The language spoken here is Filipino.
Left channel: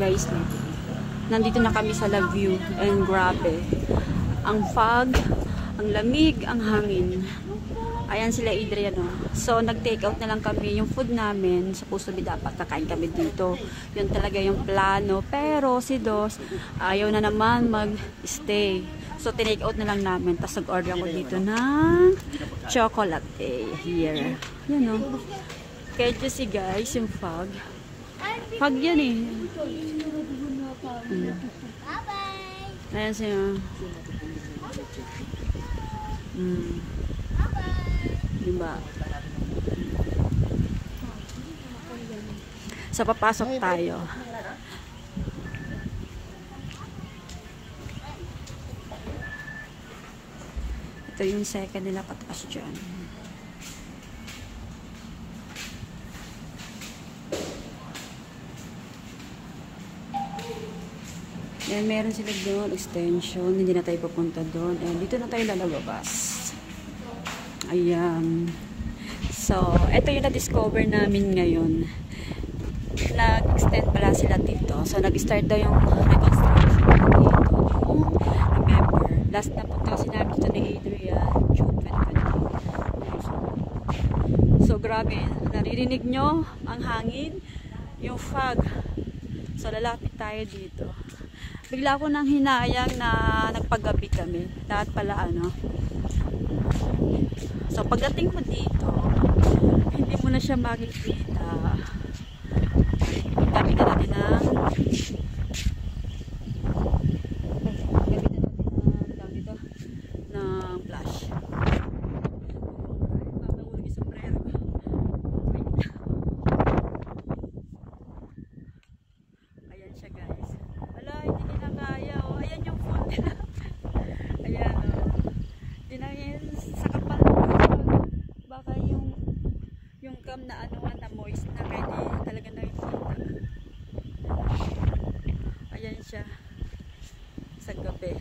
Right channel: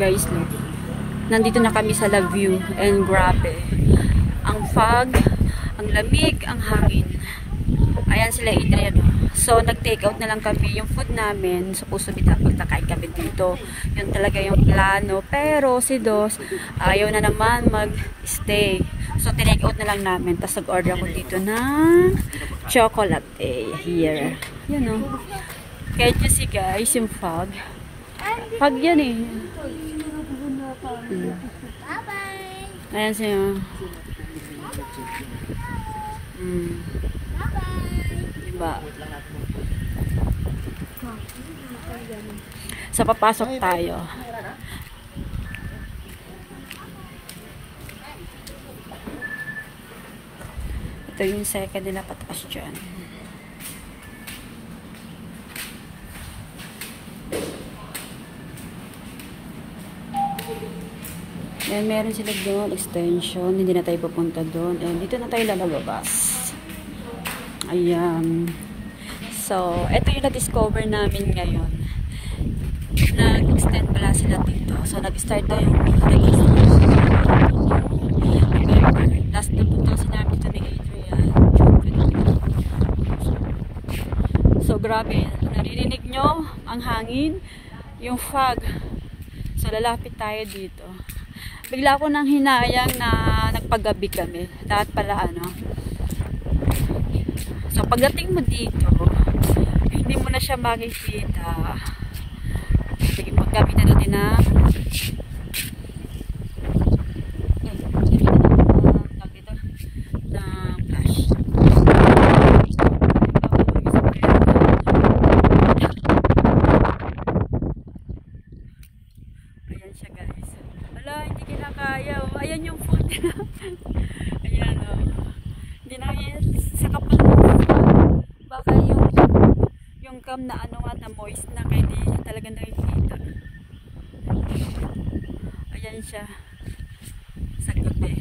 Guys, look. Nandito na kami sa La View and grabe. Ang fog, ang lamig, ang hangin. Ayan sila Adrian. So, nag-take out na lang kami yung food namin. Supposed to be dapat kakain kami dito. Yun talaga yung plano. Pero si Dos, ayaw na naman mag-stay. So, tinake out na lang namin. Tapos nag-order ako dito ng chocolate here. Yan o. Can't you see guys yung fog? Fog yan eh. Bye-bye. Ayan siya. Diba? So, papasok tayo. Ito yung second nila pataas dyan. And meron sila doon, extension. Hindi na tayo pupunta doon. And dito na tayo lalabas. Ayan. So, ito yung na-discover namin ngayon. Nag-extend pala sila dito. So, nag-start daw yung last na punta kasi namin dito ni Adrian. So, grabe. Naririnig nyo ang hangin, yung fog. So, lalapit tayo dito. Bigla ko nang hinayang na nagpagabi kami. Lahat pala ano. So, pagdating mo dito, hindi mo na siya makikita. Sige, pagkamitan natin na flash. Ayan siya guys. Wala, hindi kinakaya. Ayan yung phone. Ayan o. Hindi na sa kapal. Baka yung cam na ano nga na moist na kaya hindi talaga nakikita. Ayan siya sa gabi.